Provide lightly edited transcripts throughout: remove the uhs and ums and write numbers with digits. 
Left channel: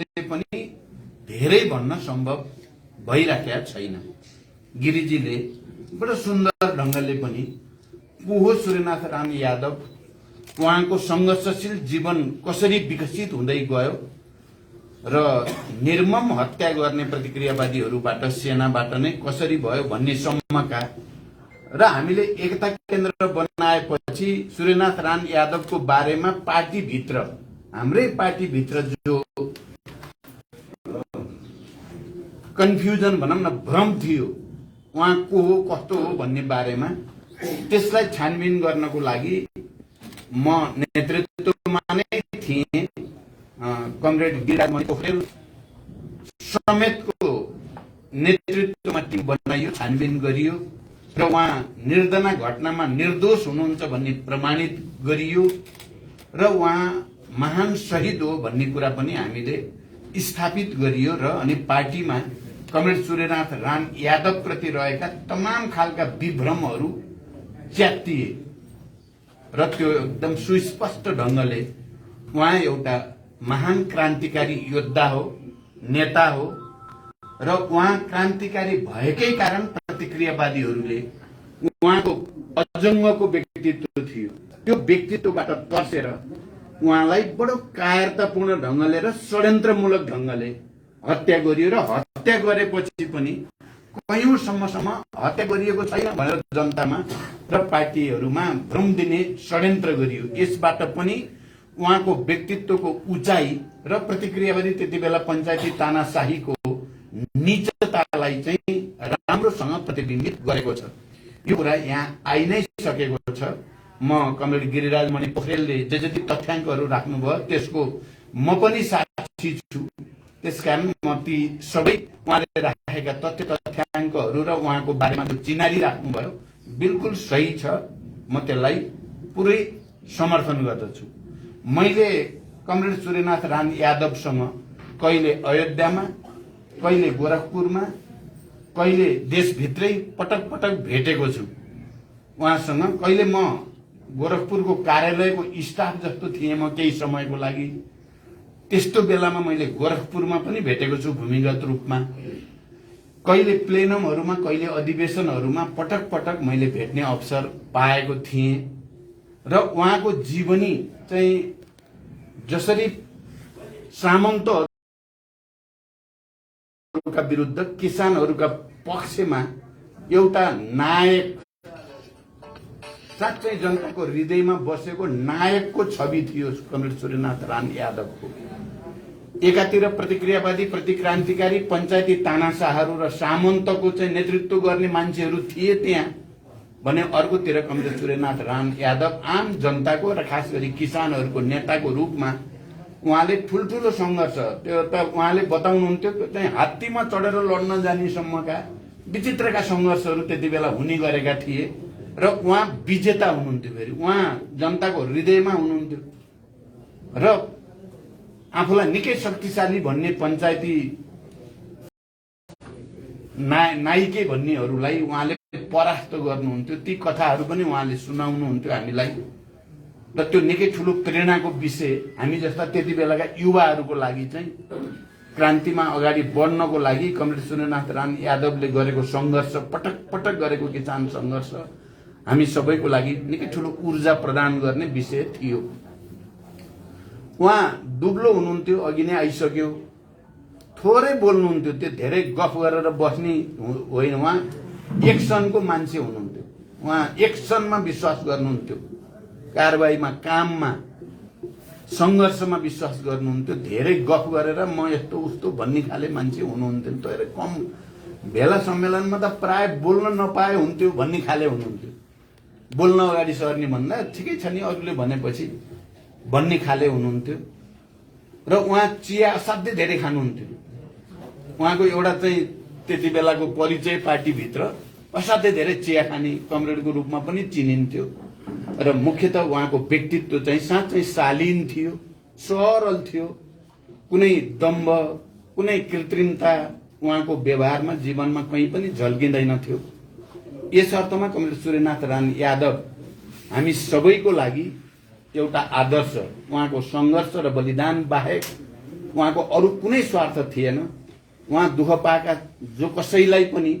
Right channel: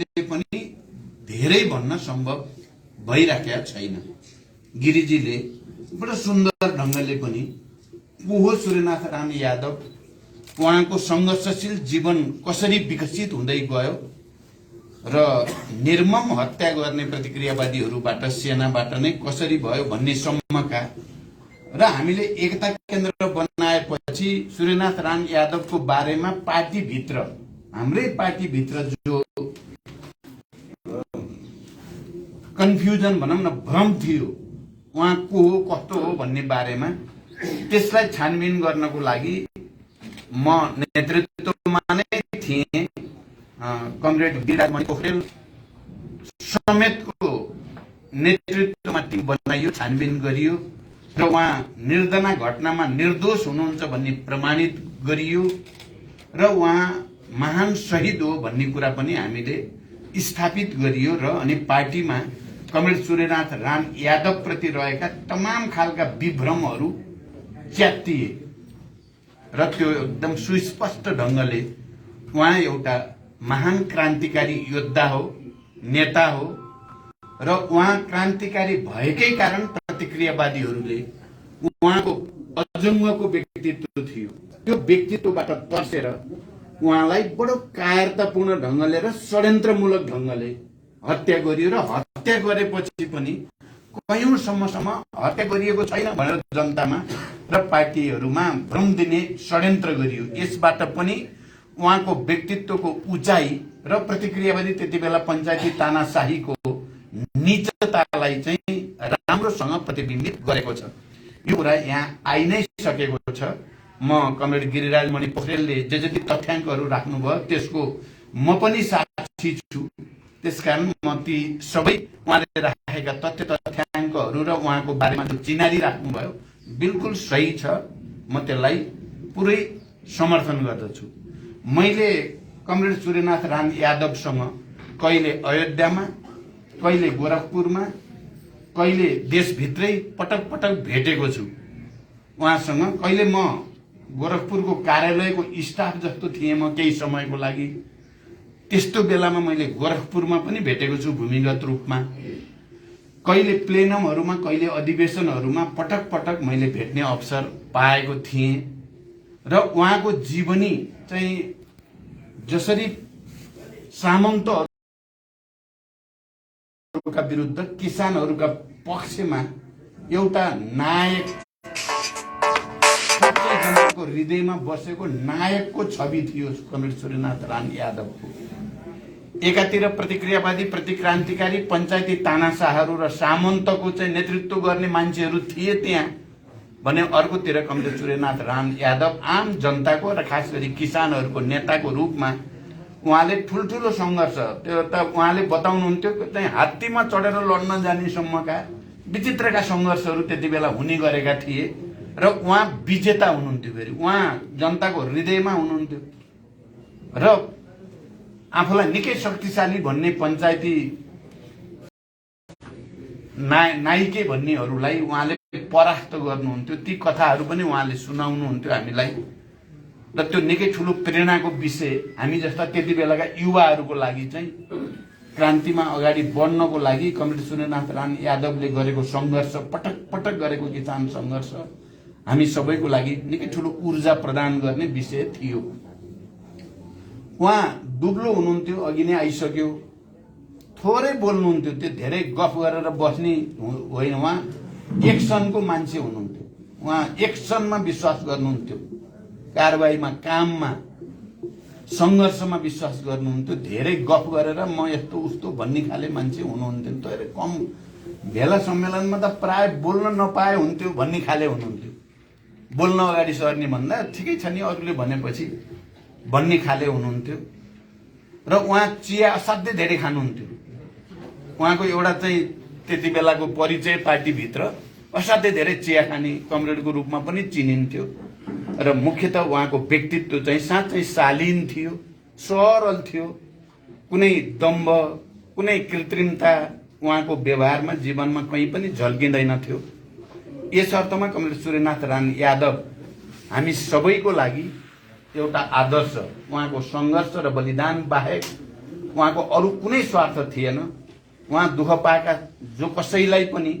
अहिले पनि धेरै भन्न सम्भव भइराखेका छैन। गिरिजीले बडो सुन्दर ढंगले पनि पुहो सूर्यनाथ राम यादव उहाँको संघर्षशील जीवन कसरी विकसित हुँदै गयो र निर्मम हत्या गर्ने प्रतिक्रियावादीहरूबाट सेनाबाट नै कसरी भयो भन्ने सम्मका र हामीले एकता केन्द्र बनाएपछि सूर्यनाथ राम यादवको बारेमा पार्टीभित्र हाम्रै पार्टीभित्र जो कन्फ्युजन भनौं न भ्रम थियो उहाँ को हो कस्तो हो भन्ने बारेमा त्यसलाई छानबिन गर्नको लागि म नेतृत्वमा नै थिएँ। कमरेड गिरिराज मणि पोखरेल समेतको नेतृत्वमा टिम बनाइयो, छानबिन गरियो र उहाँ निर्दना घटनामा निर्दोष हुनुहुन्छ भन्ने प्रमाणित गरियो र उहाँ महान शहीद हो भन्ने कुरा पनि हामीले स्थापित गरियो र अनि पार्टीमा कमरेड सूर्यनाथ राम यादव प्रति रहेका तमाम खालका विभ्रमहरू च्यातिए र त्यो एकदम सुस्पष्ट ढंगले उहाँ एउटा महान क्रान्तिकारी योद्धा हो, नेता हो र उहाँ क्रान्तिकारी भएकै कारण प्रतिक्रियावादीहरूले उहाँको अजङ्गको व्यक्तित्व थियो, त्यो व्यक्तित्वबाट पर्सेर उहाँलाई बडो कायरतापूर्ण ढंगले र षड्यन्त्रमूलक ढंगले हत्या गरियो र हत्या गरेपछि पनि कयौंसम्मसम्म हत्या गरिएको छैन भनेर जनतामा र पार्टीहरूमा भ्रम दिने षड्यन्त्र गरियो। यसबाट पनि उहाँको व्यक्तित्वको उचाइ र प्रतिक्रियावादी त्यति बेला पञ्चायती तानाशाहीको नीचतालाई चाहिँ राम्रोसँग प्रतिबिम्बित गरेको छ। यो कुरा यहाँ आइ नै सकेको छ। म कमरेड गिरिराज मणि पोखरेलले जे जति तथ्याङ्कहरू राख्नुभयो त्यसको म पनि साक्षी छु। त्यसकारण म ती सबै उहाँले राखेका तथ्याङ्कहरू र उहाँको बारेमा जो चिनारी राख्नुभयो बिल्कुल सही छ। म त्यसलाई पुरै समर्थन गर्दछु। मैले कमरेड सूर्यनाथ राम यादवसँग कहिले अयोध्यामा, कहिले गोरखपुरमा, कहिले देशभित्रै पटक पटक भेटेको छु। उहाँसँग कहिले म गोरखपुरको कार्यालयको स्टाफ जस्तो थिएँ म केही समयको लागि, त्यस्तो बेलामा मैले गोरखपुरमा पनि भेटेको छु भूमिगत रूपमा। कहिले प्लेनमहरूमा, कहिले अधिवेशनहरूमा पटक पटक मैले भेट्ने अवसर पाएको थिएँ र उहाँको जीवनी चाहिँ जसरी सामन्तहरूका विरुद्ध किसानहरूका पक्षमा एउटा नायक, साँच्चै जनताको हृदयमा बसेको नायकको छवि थियो कमरेड सूर्यनाथ राम यादवको। एकातिर प्रतिक्रियावादी, प्रतिक्रान्तिकारी, पञ्चायती तानाशाहहरू र सामन्तको चाहिँ नेतृत्व गर्ने मान्छेहरू थिए त्यहाँ भने अर्कोतिर कमरेड सूर्यनाथ राम यादव आम जनताको र खास गरी किसानहरूको नेताको रूपमा उहाँले ठुल्ठुलो सङ्घर्ष, त्यो त उहाँले बताउनुहुन्थ्यो चाहिँ हात्तीमा चढेर लड्न जाने सम्मका विचित्रका सङ्घर्षहरू त्यति बेला हुने गरेका थिए र उहाँ विजेता हुनुहुन्थ्यो। फेरि उहाँ जनताको हृदयमा हुनुहुन्थ्यो र आफूलाई निकै शक्तिशाली भन्ने पञ्चायती नाइके भन्नेहरूलाई उहाँले परास्त गर्नुहुन्थ्यो। ती कथाहरू पनि उहाँले सुनाउनुहुन्थ्यो हामीलाई र त्यो निकै ठुलो प्रेरणाको विषय हामी जस्ता त्यति बेलाका युवाहरूको लागि चाहिँ क्रान्तिमा अगाडि बढ्नको लागि कमरेड सूर्यनाथ राम यादवले गरेको सङ्घर्ष, पटक पटक गरेको किसान सङ्घर्ष हामी सबैको लागि निकै ठुलो ऊर्जा प्रदान गर्ने विषय थियो। उहाँ दुब्लो हुनुहुन्थ्यो, अघि नै आइसक्यो, थोरै बोल्नुहुन्थ्यो, त्यो धेरै गफ गरेर बस्ने होइन। उहाँ एक्सनको मान्छे हुनुहुन्थ्यो। उहाँ एक्सनमा विश्वास गर्नुहुन्थ्यो, कारबाहीमा, काममा, सङ्घर्षमा विश्वास गर्नुहुन्थ्यो। धेरै गफ गरेर म यस्तो उस्तो भन्ने खाले मान्छे हुनुहुन्थ्यो। तर कम भेला सम्मेलनमा त प्राय बोल्न नपाए हुन्थ्यो भन्ने खाले हुनुहुन्थ्यो। बोल्न अगाडि सर्ने भन्दा ठिकै छ नि अरूले भनेपछि भन्ने खाले हुनुहुन्थ्यो र उहाँ चिया असाध्यै धेरै खानुहुन्थ्यो। उहाँको एउटा चाहिँ त्यति बेलाको परिचय पार्टीभित्र असाध्यै धेरै चिया खाने कमरेडको रूपमा पनि चिनिन्थ्यो र मुख्यतः उहाँको व्यक्तित्व चाहिँ साँच्चै शालीन थियो, सरल थियो। कुनै दम्भ, कुनै कृत्रिमता उहाँको व्यवहारमा, जीवनमा कहीँ पनि झल्किँदैन थियो। यस अर्थमा कमरेड सूर्यनाथ राम यादव हामी सबैको लागि एउटा आदर्श, उहाँको सङ्घर्ष र बलिदान बाहेक उहाँको अरू कुनै स्वार्थ थिएन। उहाँ दुःख पाएका जो कसैलाई पनि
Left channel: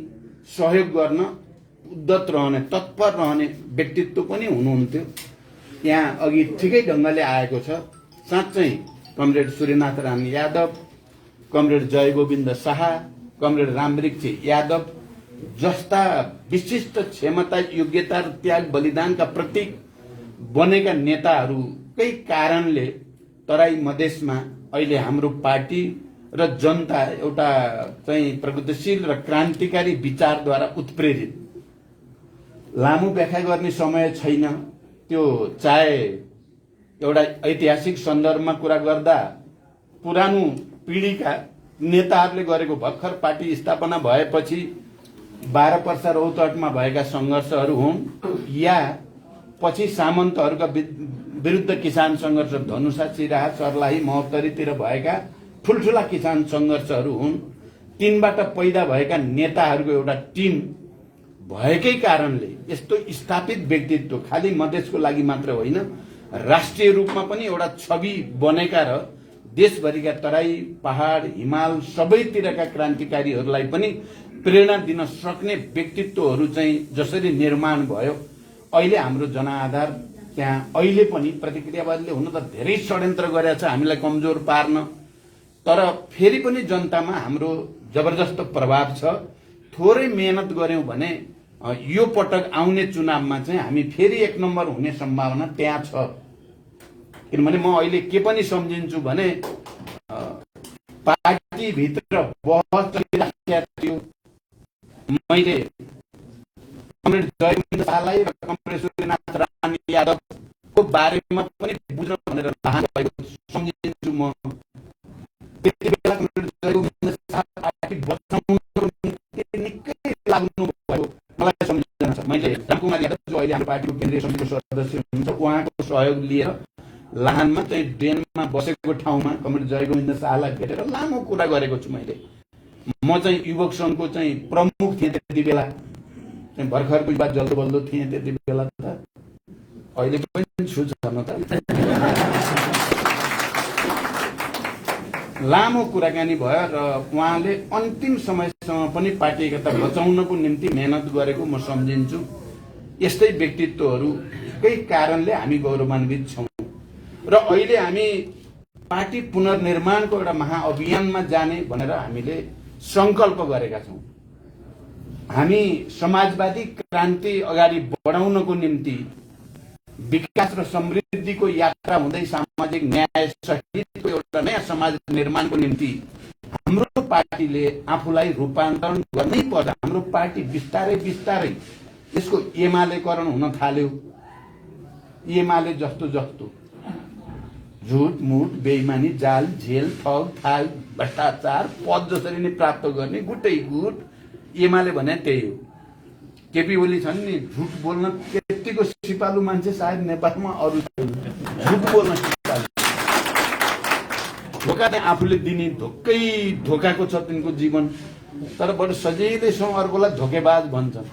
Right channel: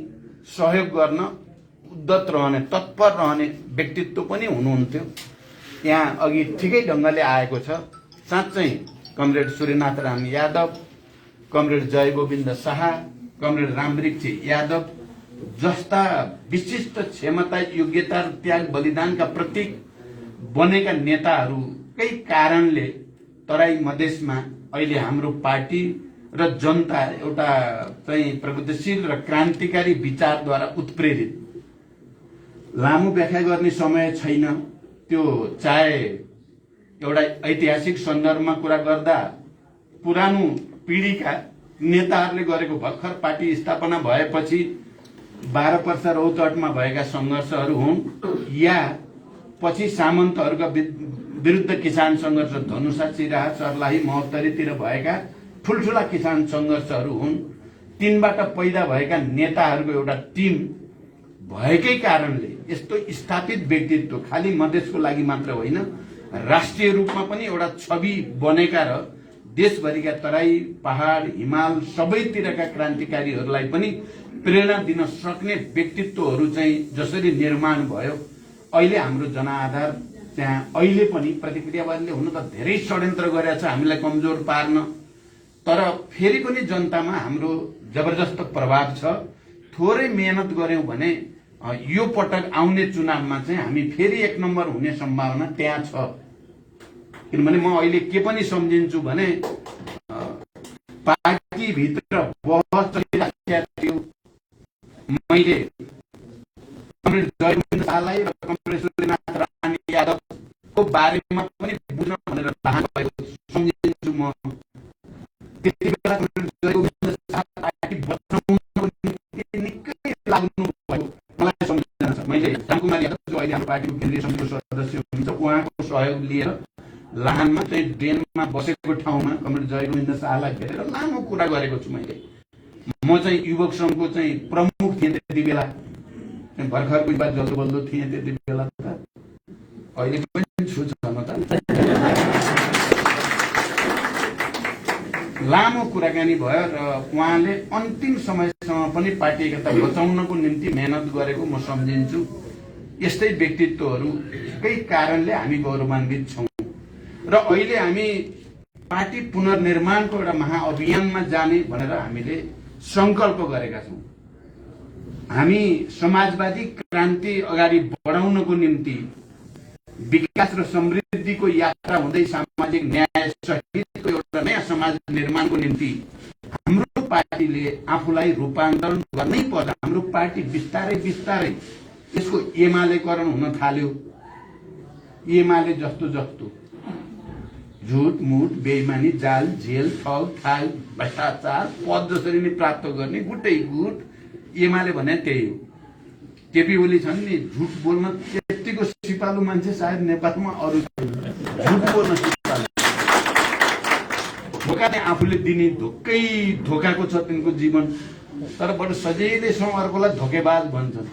सहयोग गर्न उद्यत रहने, तत्पर रहने व्यक्तित्व पनि हुनुहुन्थ्यो। यहाँ अघि ठिकै ढङ्गले आएको छ। साँच्चै comrade Suryanath Ram Yadav, comrade Jaigovind Shah, comrade Ramvriksha Yadav जस्ता विशिष्ट क्षमता, योग्यता र त्याग बलिदानका प्रतीक बनेका नेताहरूकै कारणले तराई मधेसमा अहिले हाम्रो पार्टी र जनता एउटा चाहिँ प्रगतिशील र क्रान्तिकारी विचारद्वारा उत्प्रेरित। लामो व्याख्या गर्ने समय छैन। त्यो चाहे एउटा ऐतिहासिक सन्दर्भमा कुरा गर्दा पुरानो पिढीका नेताहरूले गरेको भर्खर पार्टी स्थापना भएपछि 12 वर्ष रौतहटमा भएका संघर्षहरू हुन्, या पछि सामन्तहरूका विरुद्ध किसान संघर्ष धनुषा, सिराहा, सर्लाही, महोत्तरीतिर भएका ठुल्ठुला किसान संघर्षहरू हुन्। तिनबाट पैदा भएका नेताहरूको एउटा टिम भएकै कारणले यस्तो स्थापित व्यक्तित्व खाली मधेसको लागि मात्र होइन, राष्ट्रिय रूपमा पनि एउटा छवि बनेका र देशभरिका तराई, पहाड, हिमाल सबैतिरका क्रान्तिकारीहरूलाई पनि प्रेरणा दिन सक्ने व्यक्तित्वहरू चाहिँ जसरी निर्माण भयो, अहिले हाम्रो जनआधार त्यहाँ अहिले पनि प्रतिक्रियावादीले हुन त धेरै षड्यन्त्र गरेका छ हामीलाई कमजोर पार्न, तर फेरि पनि जनतामा हाम्रो जबरजस्त प्रभाव छ। थोरै मेहनत गर्यौं भने यो पटक आउने चुनावमा चाहिँ हामी फेरि 1 नम्बर हुने सम्भावना त्यहाँ छ। किनभने म अहिले के पनि सम्झिन्छु भने पार्टीभित्र बहस चलिरहेको थियो। मैले कमरेड जयगोविन्द शाहलाई र कमरेड सूर्यनाथ राम यादवको बारेमा पनि बुझ्न भनेर चाहनु भएको सम्झिन्छु। म त्यति बेला कमरेड जयगोविन्द शाह पार्टी बचाउनको निम्ति निकै लाग्नु भयो मलाई सम्झना छ। मैले रामकुमार यादव जो अहिले हाम्रो पार्टीको केन्द्रीय समितिको सदस्य हुनुहुन्छ, उहाँको सहयोग लिएर लाहानमा चाहिँ बेनमा बसेको ठाउँमा कमरेड जयगोविन्द शाहलाई भेटेर लामो कुरा गरेको छु। मैले म चाहिँ युवक संघको चाहिँ प्रमुख थिएँ त्यति बेला, भर्खरको युवा जल्दोबल्दो थिएँ त्यति बेला त, अहिले पनि छु छन त। लामो कुराकानी भयो र उहाँले अन्तिम समयसम्म पनि पार्टी एकता बचाउनको निम्ति मेहनत गरेको म सम्झिन्छु। यस्तै व्यक्तित्वहरूकै कारणले हामी गौरवान्वित छौं र अहिले हामी पार्टी पुनर्निर्माणको एउटा महाअभियानमा जाने भनेर हामीले संकल्प गरेका छौं। हामी समाजवादी क्रान्ति अगाडि बढाउनको निम्ति विकास र समृद्धिको यात्रा हुँदै सामाजिक न्याय सहितको एउटा नयाँ समाज निर्माणको निम्ति हाम्रो पार्टीले आफूलाई रूपान्तरण गर्नै पर्दा हाम्रो पार्टी बिस्तारै बिस्तारै यसको एमालेकरण हुन थाल्यो। एमाले जस्तो जस्तो झुट मुट, बेइमानी, जाल, झेल, ठग, थाल, भ्रष्टाचार, पद जसरी नै प्राप्त गर्ने गुटै गुट एमाले भने त्यही हो। केपी ओली छन् नि, झुट बोल्न त्यतिको सिपालु मान्छे सायद नेपालमा अरू झुट बोल्न सिपालु। धोका चाहिँ आफूले दिने धोकाको छ तिनको जीवन, तर बडो सजिलैसँग अर्कोलाई धोकेबाज भन्छन्।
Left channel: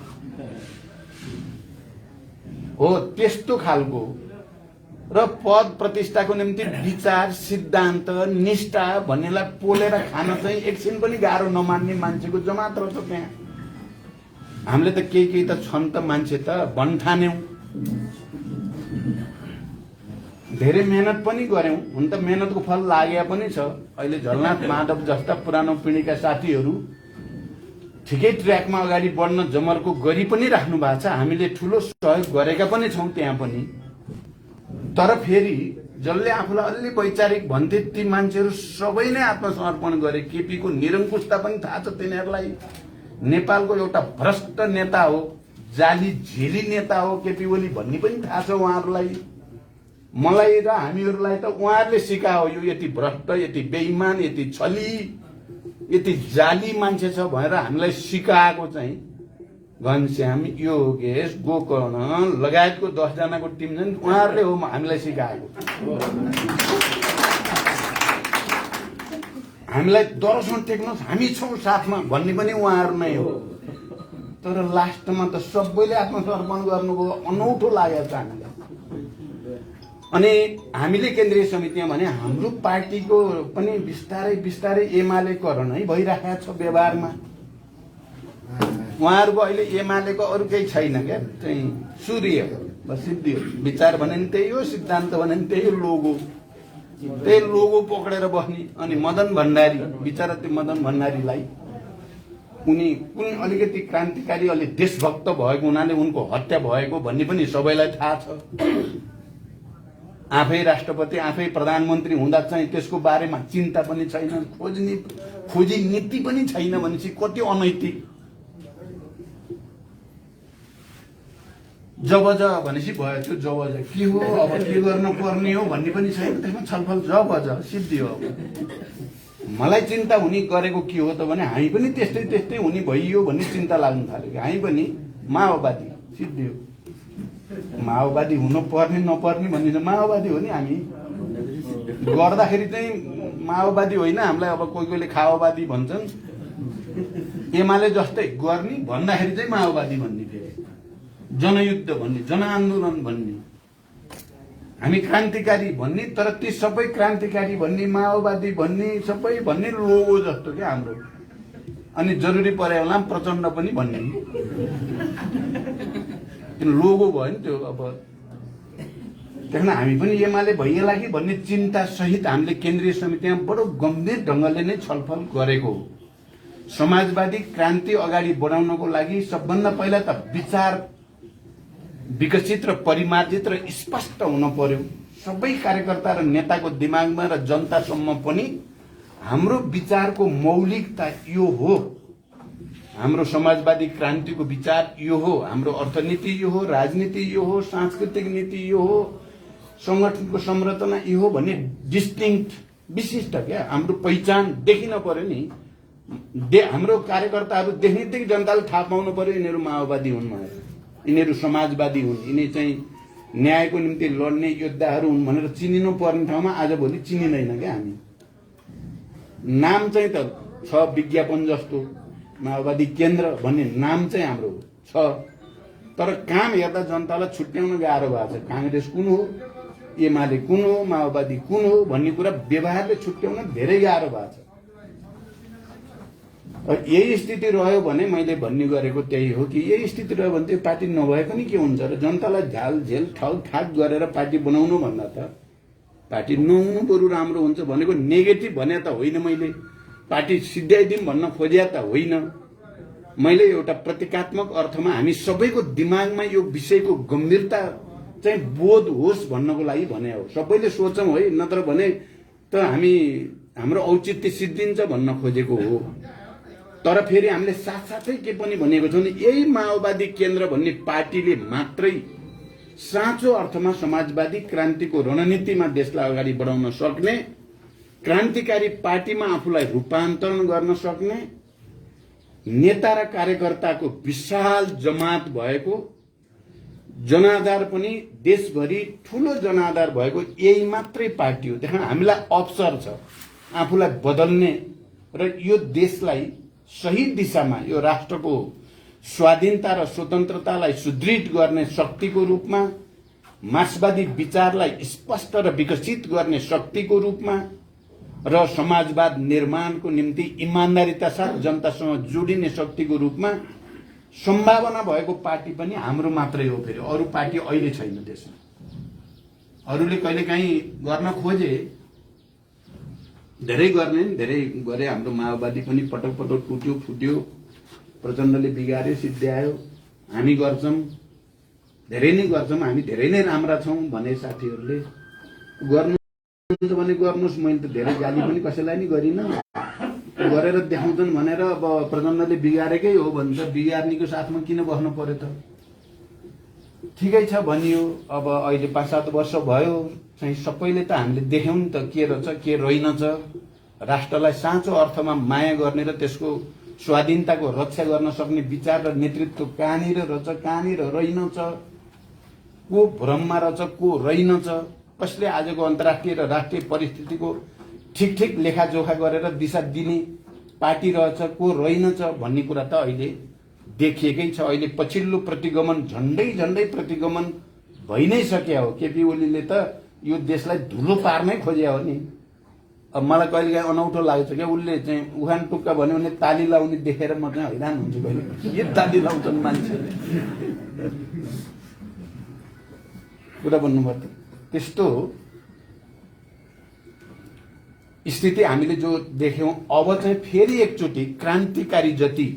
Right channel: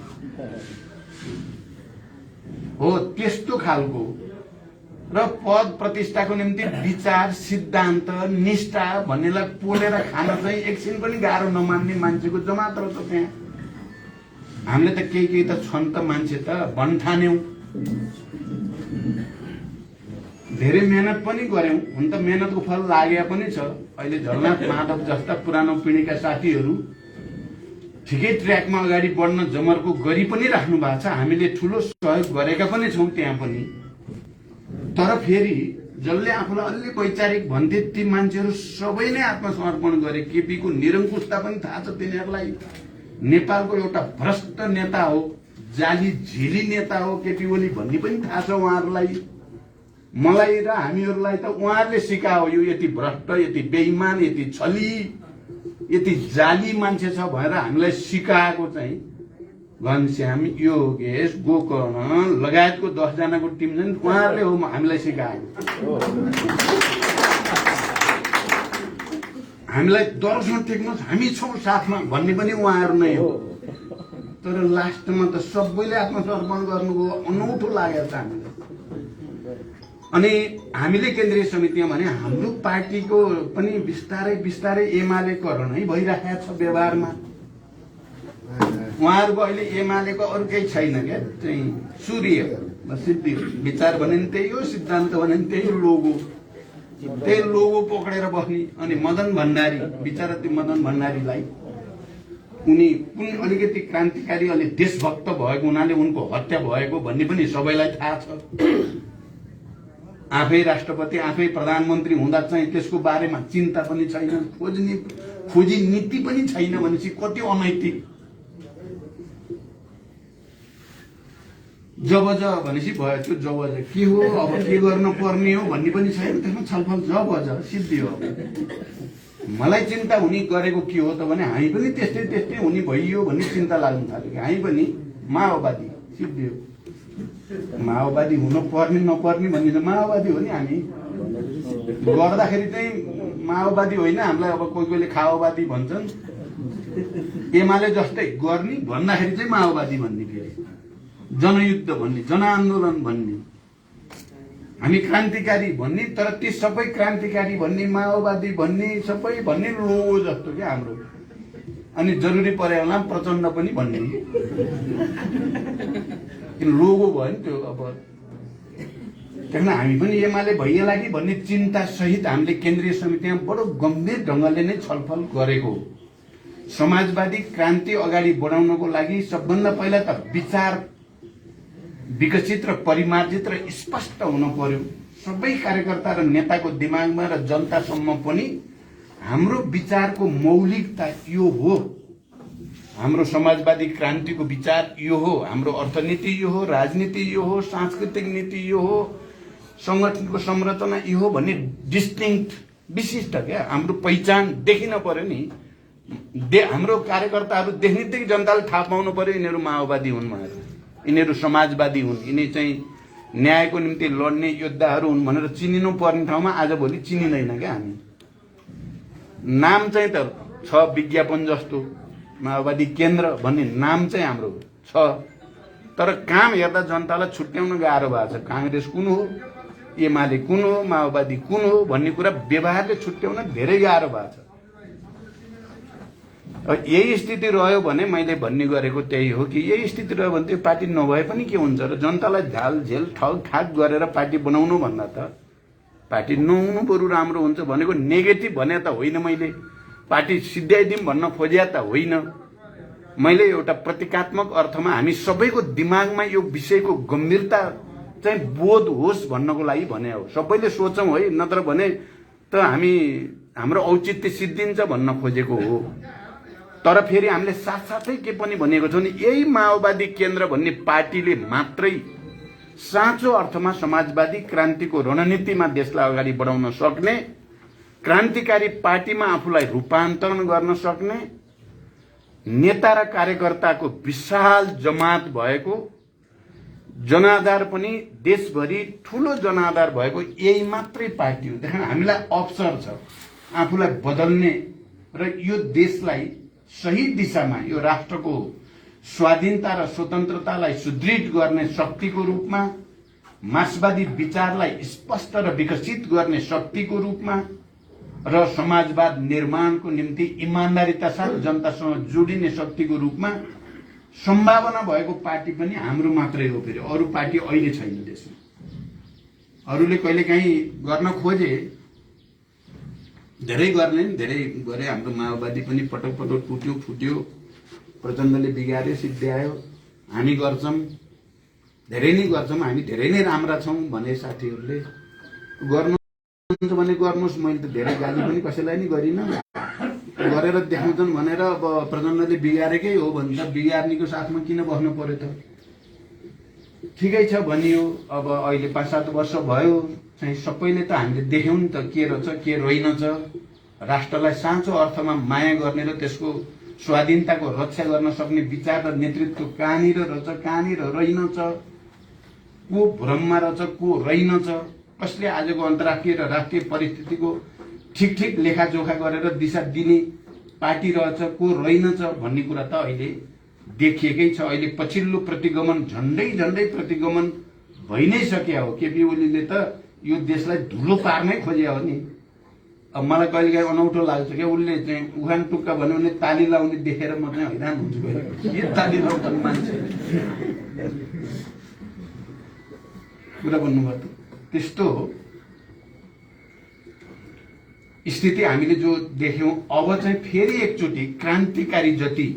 हो त्यस्तो खालको र पद प्रतिष्ठाको निम्ति विचार, सिद्धान्त, निष्ठा भन्नेलाई पोलेर खान चाहिँ एकछिन पनि गाह्रो नमान्ने मान्छेको जमात रहेछ त्यहाँ। हामीले त केही त छन् त मान्छे त भन्ठान्यौं, धेरै मेहनत पनि गर्यौं। हुन त मेहनतको फल लागेको पनि छ। अहिले झलनाथ माधव जस्ता पुरानो पिढीका साथीहरू ठिकै ट्र्याकमा अगाडि बढ्न जमर्को गरी पनि राख्नु भएको छ। हामीले ठूलो सहयोग गरेका पनि छौं त्यहाँ पनि। तर फेरि जसले आफूलाई अलि वैचारिक भन्थे ती मान्छेहरू सबैले आत्मसमर्पण गरे। केपीको निरङ्कुशता पनि थाहा छ तिनीहरूलाई। नेपालको एउटा भ्रष्ट नेता हो, जाली झेली नेता हो केपी ओली भन्ने पनि थाहा छ उहाँहरूलाई। मलाई र हामीहरूलाई त उहाँहरूले सिकायो यो यति भ्रष्ट, यति बेइमान, यति छली, यति जाली मान्छे छ भनेर हामीलाई सिकाएको चाहिँ घनश्याम, योगेश, गोकर्ण लगायतको 10 जनाको टिम छन्, उहाँहरूले हो हामीलाई सिकाएको। हामीलाई दर्शन टेक्नुहोस्, हामी छौं साथमा भन्ने पनि उहाँहरू नै हो। तर लास्टमा त सबैले आत्मसमर्पण गर्नुभयो, अनौठो लागेको छ हामीलाई। अनि हामीले केन्द्रीय समितिमा भने हाम्रो पार्टीको पनि बिस्तारै बिस्तारै एमालेकरण है भइरहेको छ व्यवहारमा। उहाँहरूको अहिले एमालेको अरू केही छैन क्या, चाहिँ सूर्य सिद्धि विचार भने पनि त्यही हो, सिद्धान्त भने पनि त्यही हो, लोगो त्यही लोगो पक्रेर बस्ने। अनि मदन भण्डारी बिचरा त्यो मदन भण्डारीलाई उनी कुन अलिकति क्रान्तिकारी अलि देशभक्त भएको हुनाले उनको हत्या भएको भन्ने पनि सबैलाई थाहा छ। आफै राष्ट्रपति आफै प्रधानमन्त्री हुँदा चाहिँ त्यसको बारेमा चिन्ता पनि छैन, खोजी नीति पनि छैन भनेपछि कति अनैतिक। जब भनेपछि भयो, त्यो जब के हो, अब के गर्नु पर्ने हो भन्ने पनि छैन, त्यसमा छलफल जब सिद्धि हो। मलाई चिन्ता हुने गरेको के हो त भने हामी पनि त्यस्तै त्यस्तै हुने भइयो भन्ने चिन्ता लाग्नु थाल्यो। हामी पनि माओवादी सिद्धि हो, माओवादी हुनु पर्ने नपर्ने भन्ने त माओवादी हो नि। हामी गर्दाखेरि चाहिँ माओवादी होइन, हामीलाई अब कोही कोहीले खाओवादी भन्छन्। एमाले जस्तै गर्ने भन्दाखेरि चाहिँ माओवादी भन्ने, फेरि जनयुद्ध भन्ने, जनआन्दोलन भन्ने, हामी क्रान्तिकारी भन्ने। तर ती सबै क्रान्तिकारी भन्ने, माओवादी भन्ने, सबै भन्ने लोगो जस्तो क्या हाम्रो। अनि जरुरी परे होला प्रचण्ड पनि भन्ने लोगो भयो नि त्यो। अब त्यहाँ हामी पनि एमाले भइएला कि भन्ने चिन्ता सहित हामीले केन्द्रीय समितिमा बडो गम्भीर ढङ्गले नै छलफल गरेको हो। समाजवादी क्रान्ति अगाडि बढाउनको लागि सबभन्दा पहिला त विचार विकसित र परिमार्जित र स्पष्ट हुन पर्यो सबै कार्यकर्ता र नेताको दिमागमा र जनतासम्म पनि। हाम्रो विचारको मौलिकता यो हो, हाम्रो समाजवादी क्रान्तिको विचार यो हो, हाम्रो अर्थनीति यो हो, राजनीति यो हो, सांस्कृतिक नीति यो हो, संगठनको संरचना यो हो भन्ने डिस्टिङ्क्ट विशिष्ट क्या हाम्रो पहिचान देखिन पर्यो नि। हाम्रो कार्यकर्ताहरू देख्नेबित्तिकै जनताले थाहा पाउनु पर्यो यिनीहरू माओवादी हुन्, यिनीहरू समाजवादी हुन्, यिनी चाहिँ न्यायको निम्ति लड्ने योद्धाहरू हुन् भनेर चिनिनु पर्ने ठाउँमा आजभोलि चिनिँदैन क्या हामी। नाम चाहिँ त छ विज्ञापन जस्तो, माओवादी केन्द्र भन्ने नाम चाहिँ हाम्रो छ, तर काम हेर्दा जनतालाई छुट्याउन गाह्रो भएको छ। कांग्रेस कुन हो, एमाले कुन हो, माओवादी कुन हो भन्ने कुरा व्यवहारले छुट्याउन धेरै गाह्रो भएको छ। यही स्थिति रह्यो भने मैले भन्ने गरेको त्यही हो कि यही स्थिति रह्यो भने त्यो पार्टी नभए पनि के हुन्छ र जनतालाई झाल झेल ठग ठाक गरेर पार्टी बनाउनु भन्दा त पार्टी नहुनु बरु राम्रो हुन्छ भनेको नेगेटिभ भने त होइन। मैले पार्टी सिद्ध्याइदिउँ भन्न खोजे त होइन, मैले एउटा प्रतीकात्मक अर्थमा हामी सबैको दिमागमा यो विषयको गम्भीरता चाहिँ बोध होस् भन्नको लागि भने हो। सबैले सोचौँ है, नत्र भने त हामी हाम्रो औचित्य सिद्धिन्छ भन्न खोजेको हो। तर फेरि हामीले साथसाथै के पनि भनेको छौँ नि, यही माओवादी केन्द्र भन्ने पार्टीले मात्रै साँचो अर्थमा समाजवादी क्रान्तिको रणनीतिमा देशलाई अगाडि बढाउन सक्ने, क्रान्तिकारी पार्टीमा आफूलाई रूपान्तरण गर्न सक्ने, नेता र कार्यकर्ताको विशाल जमात भएको, जनाधार पनि देशभरि ठूलो जनाधार भएको यही मात्रै पार्टी हो। त्यहाँ हामीलाई अवसर छ आफूलाई बदल्ने र यो देशलाई सही दिशामा, यो राष्ट्रको स्वाधीनता र स्वतन्त्रतालाई सुदृढ गर्ने शक्तिको रूपमा, मार्क्सवादी विचारलाई स्पष्ट र विकसित गर्ने शक्तिको रूपमा र समाजवाद निर्माणको निम्ति इमान्दारिता साथ जनतासँग जोडिने शक्तिको रूपमा सम्भावना भएको पार्टी पनि हाम्रो मात्रै हो। फेरि अरू पार्टी अहिले छैन देशमा। अरूले कहिलेकाहीँ गर्न खोजे, धेरै गर्ने धेरै गरे। हाम्रो माओवादी पनि पटक पटक टुट्यो फुट्यो, प्रचण्डले बिगार्यो सिद्ध्यायो। हामी गर्छौँ, धेरै नै गर्छौँ, हामी धेरै नै राम्रा छौँ भने साथीहरूले गर्नुहुन्छ भने गर्नुहोस्। मैले त धेरै गाली पनि कसैलाई नि गरिनँ, गरेर देखाउँछन् भनेर अब प्रचण्डले बिगारेकै हो भने त बिगार्नेको साथमा किन बस्नु पर्यो त? ठिकै छ भनियो। अब अहिले 5-7 वर्ष भयो चाहिँ सबैले त हामीले देख्यौँ नि त के रहेछ के रहेनछ। राष्ट्रलाई साँचो अर्थमा माया गर्ने र त्यसको स्वाधीनताको रक्षा गर्न सक्ने विचार र नेतृत्व कहाँनिर रहेछ, कहाँनिर रहेनछ, को भ्रममा रहेछ, को रहेनछ, कसले आजको अन्तर्राष्ट्रिय र राष्ट्रिय परिस्थितिको ठिक ठिक लेखाजोखा गरेर दिशा दिने पार्टी रहेछ, को रहेनछ भन्ने कुरा त अहिले देखिएकै छ। अहिले पछिल्लो प्रतिगमन झन्डै झन्डै प्रतिगमन भइ नै सक्या हो। केपी ओलीले त यो देशलाई धुलो पार्नै खोजे हो नि। अब मलाई कहिलेकाहीँ अनौठो लाग्छ क्या, उसले चाहिँ उखान टुक्का भन्यो भने ताली लाउने देखेर म चाहिँ हैरान हुन्छु कहिले, के ताली लाउँछन् मान्छे कुरा भन्नुभयो। त्यस्तो स्थिति हामीले जो देख्यौं, अब चाहिँ फेरि एकचोटि क्रान्तिकारी जति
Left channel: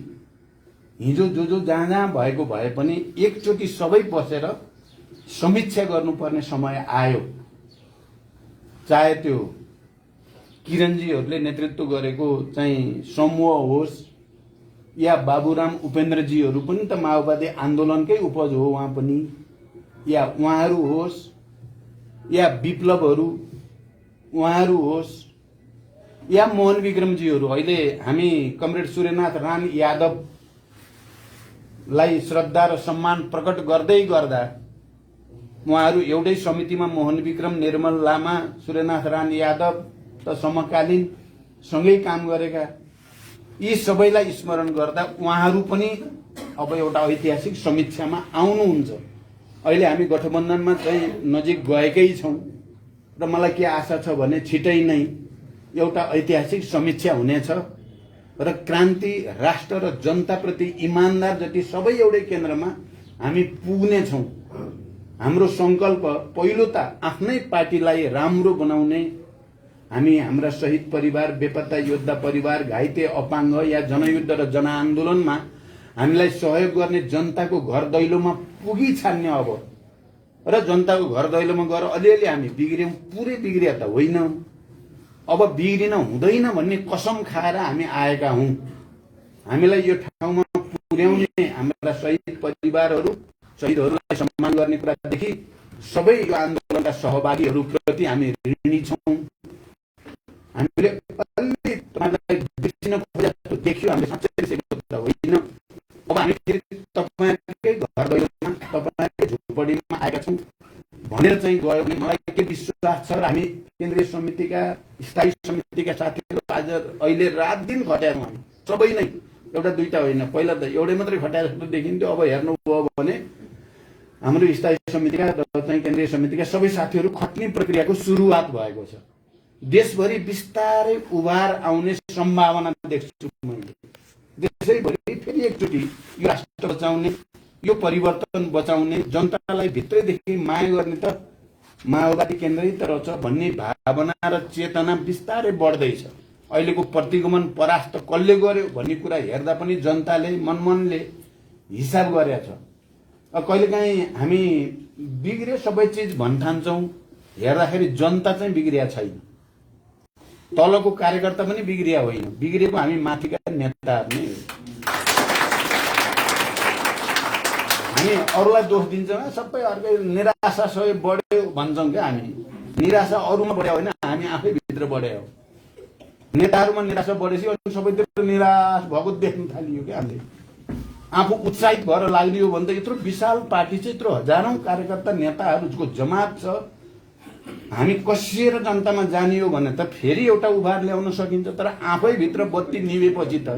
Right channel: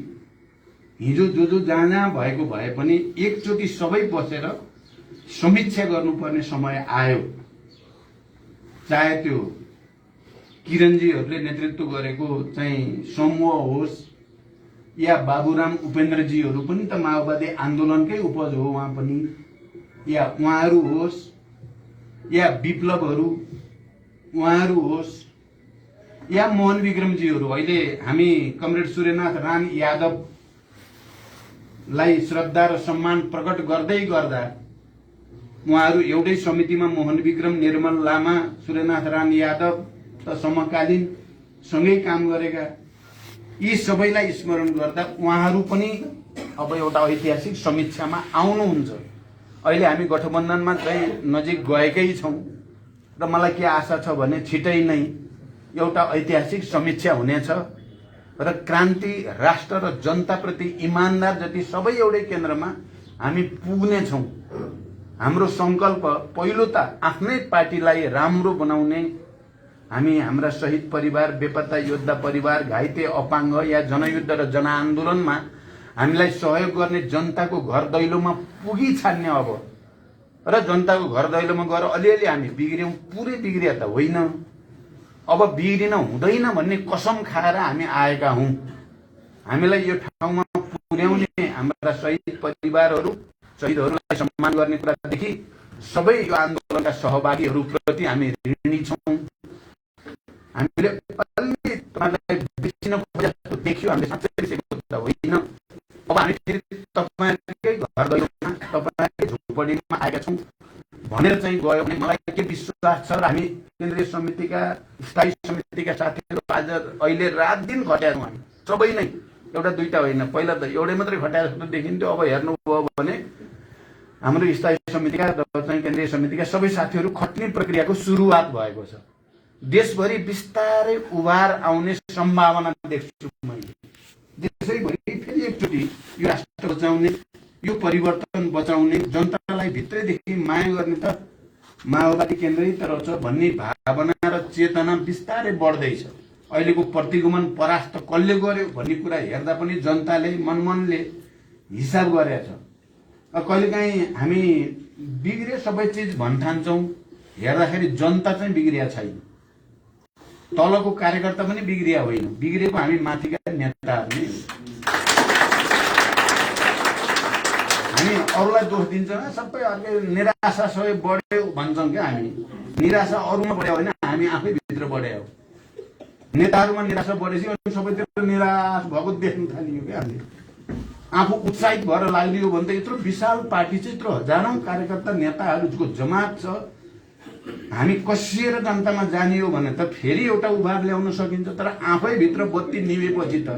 हिजो जो जहाँ भएको भए पनि एकचोटि सबै बसेर समीक्षा गर्नुपर्ने समय आयो। चाहे त्यो किरणजीहरूले नेतृत्व गरेको चाहिँ समूह होस् या बाबुराम उपेन्द्रजीहरू पनि त माओवादी आन्दोलनकै उपज हो उहाँ पनि, या उहाँहरू होस् या विप्लवहरू उहाँहरू होस् या मोहन विक्रमजीहरू। अहिले हामी कमरेड सूर्यनाथ राम यादवलाई श्रद्धा र सम्मान प्रकट गर्दै गर्दा उहाँहरू एउटै समितिमा मोहन विक्रम, निर्मल लामा, सूर्यनाथ राम यादव त समकालीन सँगै काम गरेका, यी सबैलाई स्मरण गर्दा उहाँहरू पनि अब एउटा ऐतिहासिक समीक्षामा आउनुहुन्छ। अहिले हामी गठबन्धनमा चाहिँ नजिक गएकै छौं र मलाई के आशा छ भने छिटै नै एउटा ऐतिहासिक समीक्षा हुनेछ र क्रान्ति, राष्ट्र र जनताप्रति इमानदार जति सबै एउटै केन्द्रमा हामी पुग्नेछौं। हाम्रो संकल्प पहिलो त आफ्नै पार्टीलाई राम्रो बनाउने, हामी हाम्रा शहीद परिवार, बेपत्ता योद्धा परिवार, घाइते, अपाङ्ग या जनयुद्ध र जनआन्दोलनमा हामीलाई सहयोग गर्ने जनताको घर दैलोमा पुगी छान्ने अब, र जनताको घर दैलोमा गएर अलिअलि हामी बिग्र्यौं, पुरै बिग्रिया त होइन, अब बिग्रिन हुँदैन भन्ने कसम खाएर हामी आएका हौं। हामीलाई यो ठाउँमा पुर्याउने हाम्रा शहीद परिवारहरू, शहीदहरूलाई सम्मान गर्ने कुरादेखि सबै यो आन्दोलनका सहभागीहरूप्रति हामी ऋणी छौं। हामीले अलि तपाईलाई बिर्सिन खोजेको देखियो, हामीले साँच्चै सेको त होइन। अब हामी फेरि तपाईकै घर दैलोमा, तपाईकै झुपडीमा आएका छौं भनेर चाहिँ गयो भने मलाई के विश्वास छ र हामी केन्द्रीय समितिका, स्थायी समितिका साथीहरू आज अहिले रात दिन खटेका छौं। हामी सबै नै, एउटा दुईटा होइन, पहिला त एउटै मात्रै खटाएर जस्तो देखिन्थ्यो, अब हेर्नुभयो भने हाम्रो स्थायी समितिका चाहिँ केन्द्रीय समितिका सबै साथीहरू खट्ने प्रक्रियाको सुरुवात भएको छ। देशभरि बिस्तारै उभार आउने सम्भावना देख्छु मैले। देशैभरि फेरि एकचोटि यो राष्ट्र बचाउने, यो परिवर्तन बचाउने, जनतालाई भित्रैदेखि माया गर्ने त माओवादी केन्द्रै त रहेछ भन्ने भावना र चेतना बिस्तारै बढ्दैछ। अहिलेको प्रतिगमन परास्त कसले गर्यो भन्ने कुरा हेर्दा पनि जनताले मनमनले हिसाब गरेछ। कहिलेकाहीँ हामी बिग्रे सबै चिज भन्ठान्छौं, हेर्दाखेरि जनता चाहिँ बिग्रिया छैन, तलको कार्यकर्ता पनि बिग्रिया होइन, बिग्रेको हामी माथिका नेताहरू नै। हामी अरूलाई दोष दिन्छौँ, सबै अर्कै निराशा सबै बढ्यो भन्छौँ क्या हामी। निराशा अरूमा बढ्यो होइन, हामी आफै भित्र बढ्यो हो। नेताहरूमा निराशा बढेपछि अनि सबैतिर निराश भएको देख्न थालियो क्या हामीले। आफू उत्साहित भएर लाग्दियो भने त यत्रो विशाल पार्टी छ, यत्रो हजारौं कार्यकर्ता नेताहरूको जमात छ, हामी कसिएर जनतामा जाने हो भने त फेरि एउटा उभार ल्याउन सकिन्छ। तर आफै भित्र बत्ती निभेपछि त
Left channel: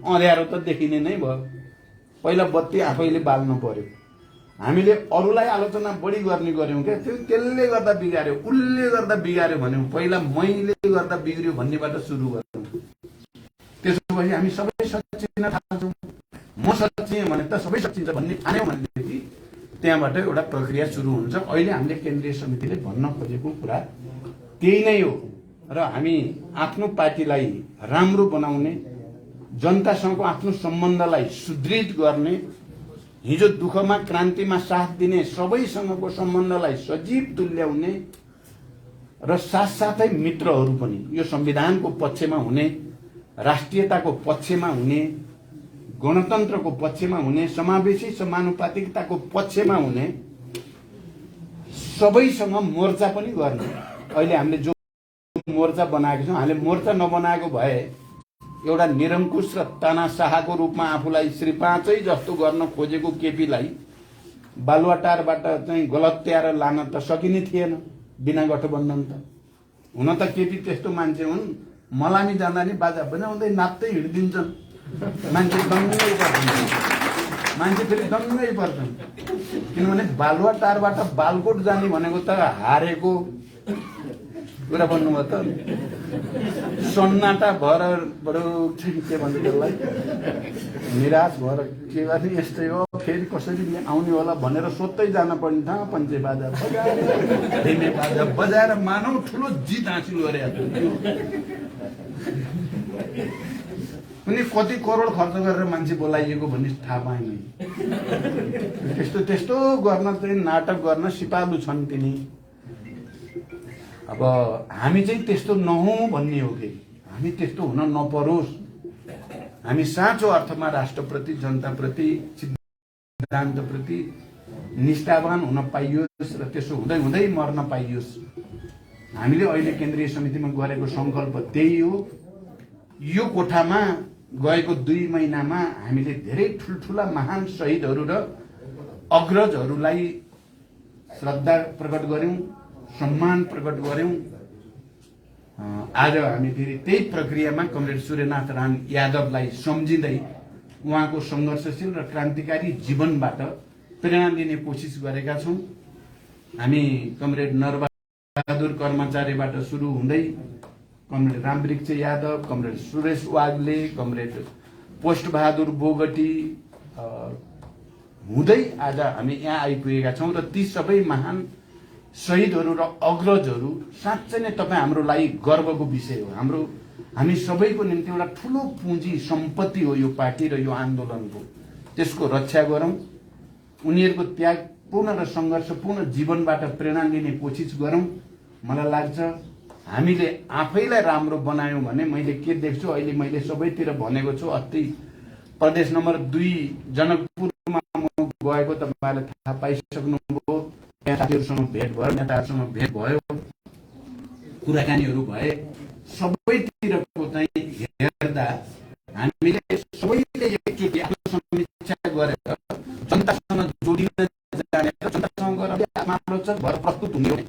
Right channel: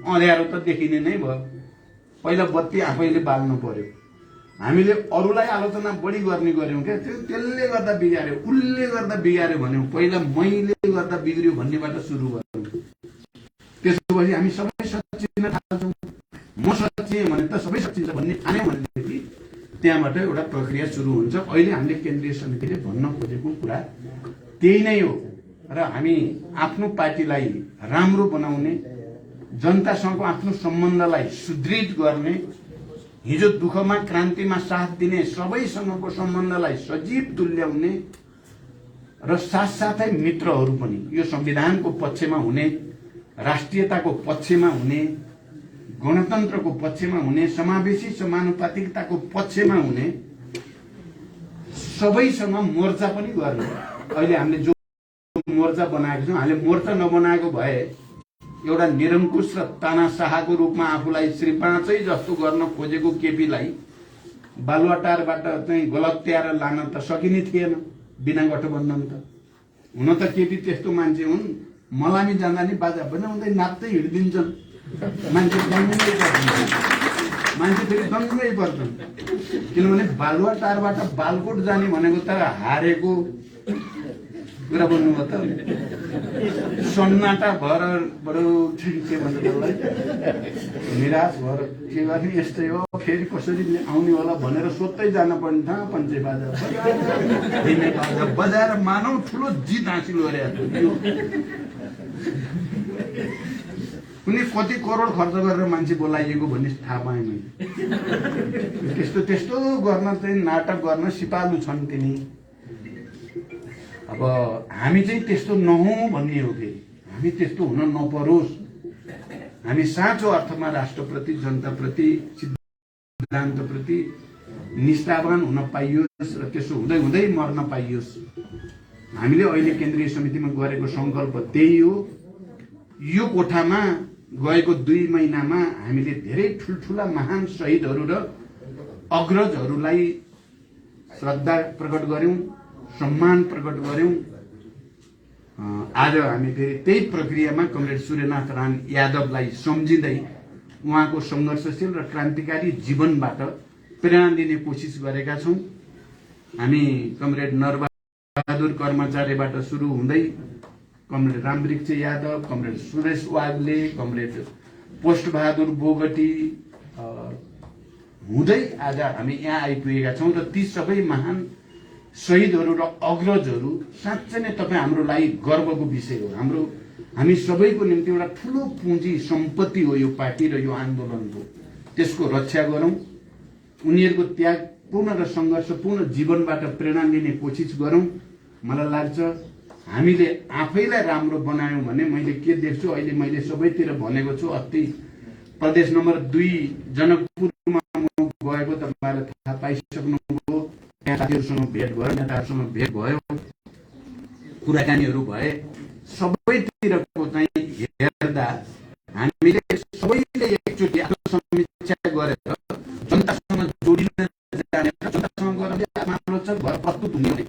अँध्यारो त देखिने नै भयो। पहिला बत्ती आफैले बाल्नु पर्यो। हामीले अरूलाई आलोचना बढी गर्ने गर्यौं क्या, त्यसले गर्दा बिगार्यो, उसले गर्दा बिगार्यो भन्यौं, पहिला मैले गर्दा बिग्रियो भन्नेबाट सुरु गर्यौं। त्यसो भए हामी सबै सच्चिन थाल्छौं। म सच्चिएँ भने त सबै सच्चिन्छ भन्ने ठान्यौं भनेदेखि त्यहाँबाट एउटा प्रक्रिया सुरु हुन्छ। अहिले हामीले केन्द्रीय समितिले भन्न खोजेको कुरा त्यही नै हो र हामी आफ्नो पार्टीलाई राम्रो बनाउने, जनतासँग आफ्नो सम्बन्धलाई सुदृढ गर्ने, हिजो दुःखमा क्रान्तिमा साथ दिने सबैसँगको सम्बन्धलाई सजीव तुल्याउने र साथसाथै मित्रहरू पनि यो संविधानको पक्षमा हुने, राष्ट्रियताको पक्षमा हुने, गणतन्त्रको पक्षमा हुने, समावेशी समानुपातिकताको पक्षमा हुने सबैसँग मोर्चा पनि गर्ने। अहिले हामीले जो मोर्चा बनाएको छौं, हामीले मोर्चा नबनाएको भए एउटा निरङ्कुश र तानाशाहको रूपमा आफूलाई श्री पाँचै जस्तो गर्न खोजेको केपीलाई बालुवाटारबाट चाहिँ गलत्याएर लान त सकिने थिएन बिना गठबन्धन त। हुन त केपी त्यस्तो मान्छे हुन्, मलामी जाँदा नि बाजा बजाउँदै नाच्दै हिँडिदिन्छन्, मान्छे दङ्गै पर्छन्, मान्छे फेरि दङ्गै पर्छन्। किनभने बालुवाटारबाट बालकोट जाने भनेको त हारेको कुरा भन्नुभयो त सन्नाटा भएर बरु के भन्छ त्यसलाई निराश भएर के गर्ने यस्तै हो फेरि कसरी आउने होला भनेर सोध्दै जान पर्ने था पञ्चे बाजा बजाएर मानौ ठुलो जित हासिल गरे उनी कति करोड खर्च गरेर मान्छे बोलाइएको भन्ने थाहा पाएँ मैले त्यस्तो त्यस्तो गर्न चाहिँ नाटक गर्न सिपालु छन् तिनी अब हामी चाहिँ त्यस्तो नहौं भन्ने हो कि हामी त्यस्तो हुन नपरोस् हामी साँचो अर्थमा राष्ट्रप्रति जनताप्रति सिद्धान्तप्रति निष्ठावान हुन पाइयोस् र त्यसो हुँदै हुँदै मर्न पाइयोस् हामीले अहिले केन्द्रीय समितिमा गरेको संकल्प त्यही हो यो कोठामा गएको 2 महिनामा हामीले धेरै ठुलठुला महान शहीदहरू र अग्रजहरूलाई श्रद्धा प्रकट गर्यौं सम्मान प्रकट गर्यौं आज हामी फेरि त्यही प्रक्रियामा कमरेड सूर्यनाथ राम यादवलाई सम्झिँदै उहाँको संघर्षशील र क्रान्तिकारी जीवनबाट प्रेरणा लिने कोसिस गरेका छौं हामी कमरेड नरबहादुर कर्मचारीबाट सुरु हुँदै comrade Ramvriksha Yadav comrade Suresh Wagle comrade Post Bahadur Bogati हुँदै आज हामी यहाँ आइपुगेका छौं र ती सबै महान शहीदहरू र अग्रजहरू साँच्चै नै तपाईँ हाम्रो लागि गर्वको विषय हो हामी सबैको निम्ति एउटा ठूलो पुँजी सम्पत्ति हो यो पार्टी र यो आन्दोलनको त्यसको रक्षा गरौं उनीहरूको त्यागपूर्ण र संघर्षपूर्ण जीवनबाट प्रेरणा लिने कोसिस गरौं मलाई लाग्छ हामीले आफैलाई राम्रो बनायौं भने मैले के देख्छु अहिले मैले सबैतिर भनेको छु अस्ति प्रदेश नम्बर 2 जनकपुरमा गएको तपाईहरुले थाहा पाइसक्नुभयो साथीहरुसँग भेट भयो नेताहरुसँग भेट भयो कुराकानीहरु भए सबैतिरको चाहिँ हेर्दा हामीले सबैले एकचोटी आत्मसमीक्षा गरेर जनतासँग जोडिन जाने जनतासँग गरेर आत्मलोचक भएर प्रस्तुत हुने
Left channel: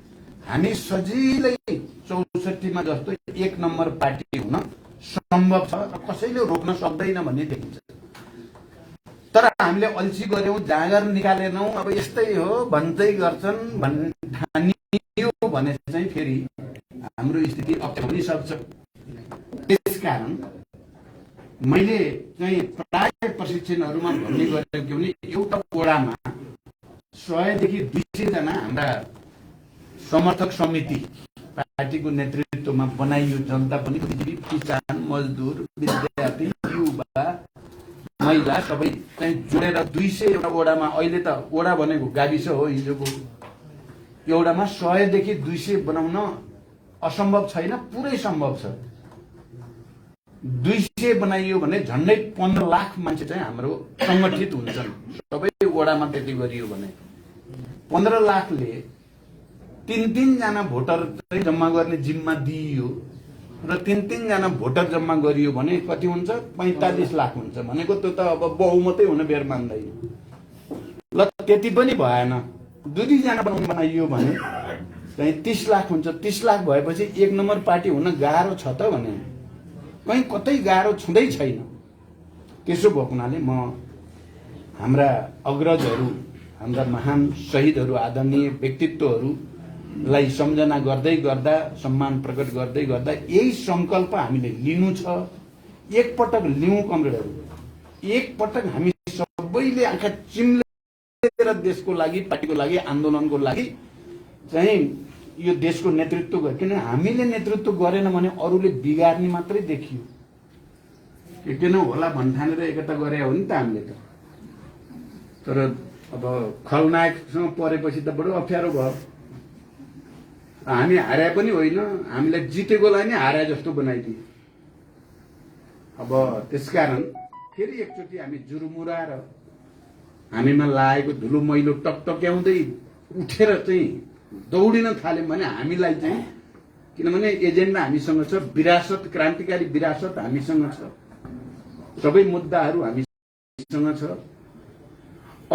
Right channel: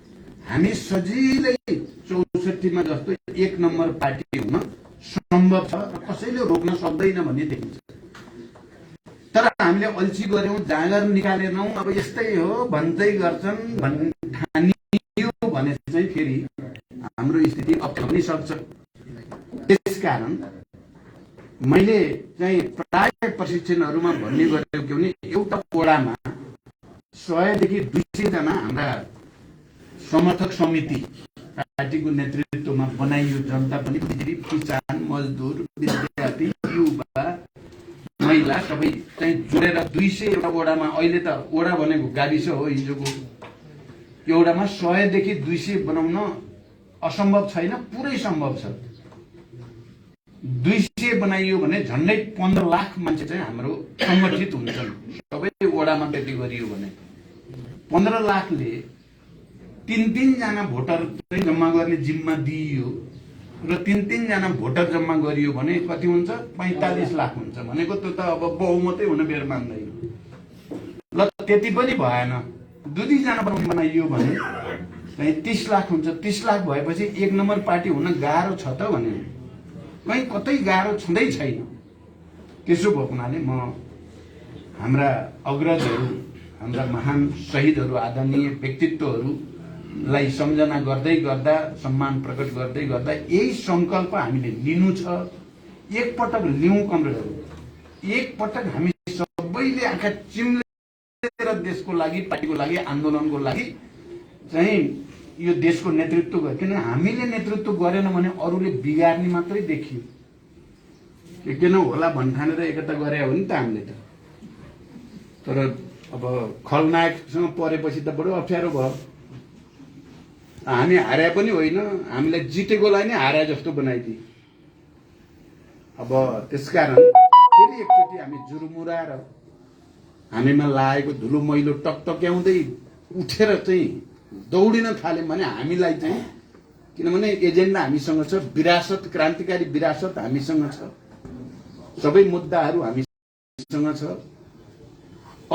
हामी सजिलै 64 मा जस्तो 1 नम्बर पार्टी हुन सम्भव छ र कसैले रोक्न सक्दैन भन्ने देखिन्छ तर हामीले अल्छी गर्यौं जाँगर निकालेनौं अब यस्तै हो भन्दै गर्छन् ठानियो भने चाहिँ फेरि हाम्रो स्थिति अप्नाउन सक्छ त्यसकारण मैले चाहिँ प्राय प्रशिक्षणहरुमा भन्ने गरेको के भने एउटा ओडामा 100 देखि 200 जना हाम्रा समर्थक समिति पार्टीको नेतृत्वमा बनाइयो जनता पनि किसान मजदुर विद्यार्थी युवा महिला सबै चाहिँ जोडेर 200 एउटा ओडामा अहिले त ओडा भनेको गाविस हो हिजोको एउटामा 100 देखि 200 बनाउन असम्भव छैन पुरै सम्भव छ 200 बनाइयो भने झन्डै 15 लाख मान्छे चाहिँ हाम्रो संगठित हुन्छन् सबै ओडामा त्यति गरियो भने 15 लाखले 3 जना भोटर चाहिँ जम्मा गर्ने जिम्मा दिइयो र 3 जना भोटर जम्मा गरियो भने कति हुन्छ 45 लाख हुन्छ भनेको त्यो त अब बहुमतै हुन बेर मान्दैन ल त्यति पनि भएन 2 जना बनाइयो भने चाहिँ 30 लाख हुन्छ 30 लाख भएपछि 1 नम्बर पार्टी हुन गाह्रो छ त भने कहीं कतै गाह्रो छुँदै छैन त्यसो भएको हुनाले म हाम्रा अग्रजहरू हाम्रा महान शहीदहरू आदरणीय व्यक्तित्वहरूलाई सम्झना गर्दै गर्दा सम्मान प्रकट गर्दै गर्दा यही संकल्प हामीले लिनु छ एकपटक लिउँ कमरेडहरू एकपटक हामी सबैले आँखा चिम्लेर देशको लागि पार्टीको लागि आन्दोलनको लागि चाहिँ यो देशको नेतृत्व गर्यो किन हामीले नेतृत्व गरेन भने अरूले बिगार्ने मात्रै देखियो किन होला भन्ठानेर एकता गरे हो नि त हामीले त तर अब खलनायकसँग परेपछि त बडो अप्ठ्यारो भयो हामी हारे पनि होइन हामीलाई जितेकोलाई नै हारे जस्तो बनाइदिए अब त्यसकारण फेरि एकचोटि हामी जुरुमुराएर हामीमा लागेको धुलो मैलो टकटक्याउँदै उठेर चाहिँ दौडिन थाल्यौं भने हामीलाई चाहिँ किनभने एजेन्डा हामीसँग छ विरासत क्रान्तिकारी विरासत हामीसँग छ सबै मुद्दाहरू हामीसँग छ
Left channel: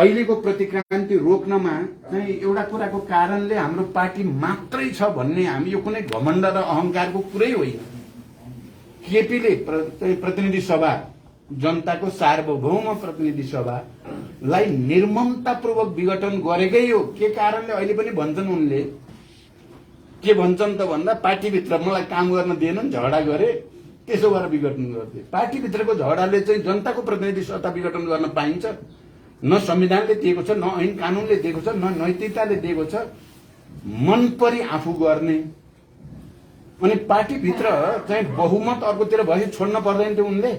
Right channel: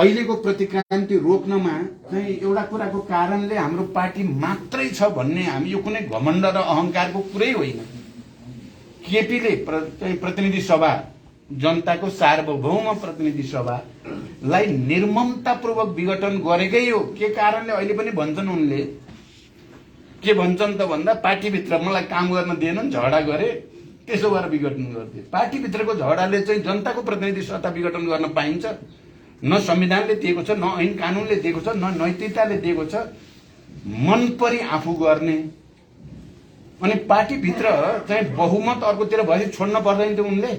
अहिलेको प्रतिक्रान्ति रोक्नमा चाहिँ एउटा कुराको कारणले हाम्रो पार्टी मात्रै छ भन्ने हामी यो कुनै घमण्ड र अहंकारको कुरै होइन केपीले प्रतिनिधि सभा जनताको सार्वभौम प्रतिनिधि सभालाई निर्ममतापूर्वक विघटन गरेकै हो के कारणले अहिले पनि भन्छन् उनले के भन्छन् त भन्दा पार्टीभित्र मलाई काम गर्न दिएनन्, झगडा गरे, त्यसो गरेर विघटन गर्थे। पार्टीभित्रको झगडाले चाहिँ जनताको प्रतिनिधि सत्ता विघटन गर्न पाइन्छ? न संविधानले दिएको छ, न ऐन कानुनले दिएको छ, न नैतिकताले दिएको छ। मन परी आफू गर्ने अनि पार्टीभित्र चाहिँ बहुमत अर्कोतिर भएपछि छोड्न पर्दैन थियो उनले।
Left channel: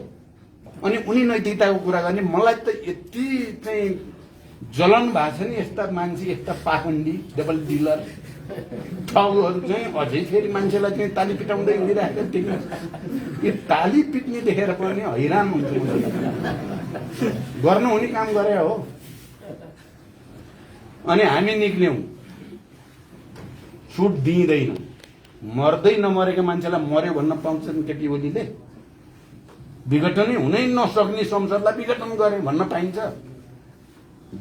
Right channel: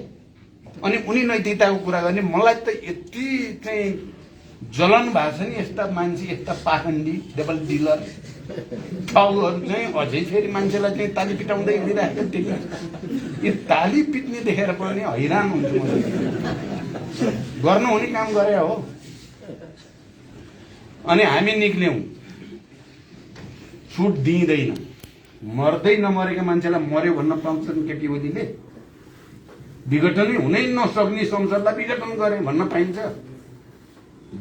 अनि उनी नैतिकताको कुरा गर्ने। मलाई त यति चाहिँ जलन भएको छ नि, यस्ता मान्छे, यस्ता पाखण्डी डबल डिलर टाउहरू चाहिँ अझै फेरि मान्छेलाई चाहिँ ताली पिटाउँदै हिँडिरहेको देख्नु। यो ताली पिट्ने देखेर पनि हैरान हुन्छु म। गर्नु हुने काम गरे हो। अनि हामी निक्ल्यौं, छुट दिँदैन। मर्दै नमरेका मान्छेलाई मर्यो भन्न पाउँछन् केटी ओलीले? विघटनै हुनै नसक्ने संसदलाई विघटन गरे भन्न पाइन्छ?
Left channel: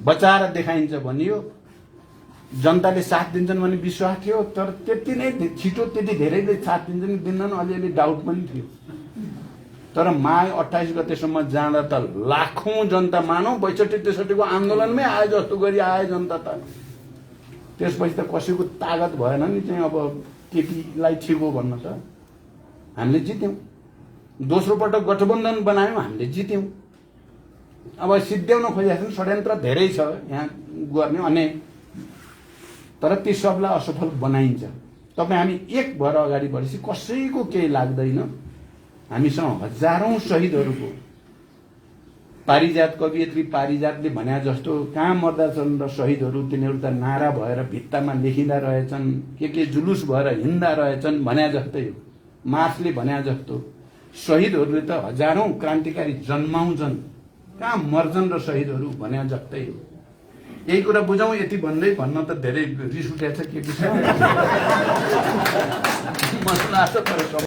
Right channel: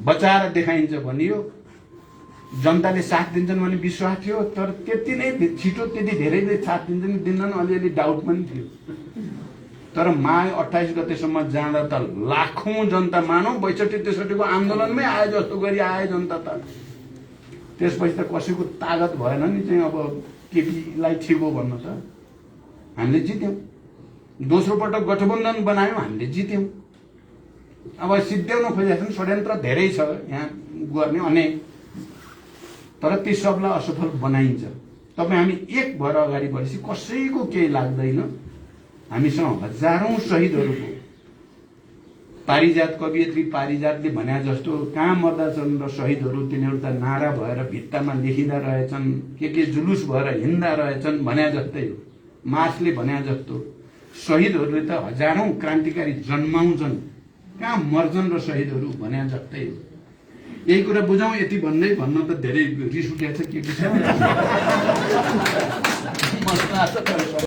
बचाएर देखाइन्छ भनियो, जनताले साथ दिन्छन् भन्ने विश्वास थियो। तर त्यति नै छिटो त्यति धेरैले साथ दिन्छन् दिँदैन, अलिअलि डाउट पनि थियो। तर माघ 28 गतेसम्म जाँदा त लाखौं जनता, मानौ 62-63 को आन्दोलनमै आए जस्तो गरी आए जनता त। त्यसपछि त कसैको तागत भएन नि चाहिँ अब केटीलाई छिर्बो भन्न त। हामीले जित्यौं। दोस्रो पटक गठबन्धन बनायौं, हामीले जित्यौं। अब सिद्ध्याउन खोजिरहेछन्, षड्यन्त्र धेरै छ यहाँ गर्ने अनि, तर ती सबलाई असफल बनाइन्छ। तपाईँ हामी एक भएर अगाडि बढेपछि कसैको केही लाग्दैन। हामीसँग हजारौं शहीदहरूको, पारिजात कवियत्री पारिजातले भन्या जस्तो कहाँ मर्दा छन् र शहीदहरू, तिनीहरू त नारा भएर भित्तामा लेखिँदा रहेछन्, के जुलुस भएर हिँड्दा रहेछन् भन्या जस्तै हो। मार्क्सले भन्या जस्तो शहीदहरूले त हजारौं क्रान्तिकारी जन्माउँछन्, कहाँ मर्छन् र शहीदहरू भन्या जस्तै हो। यही कुरा बुझौँ। यति भन्दै भन्न त धेरै रिस उठेको छ के के छ मलाई लाग्छ तर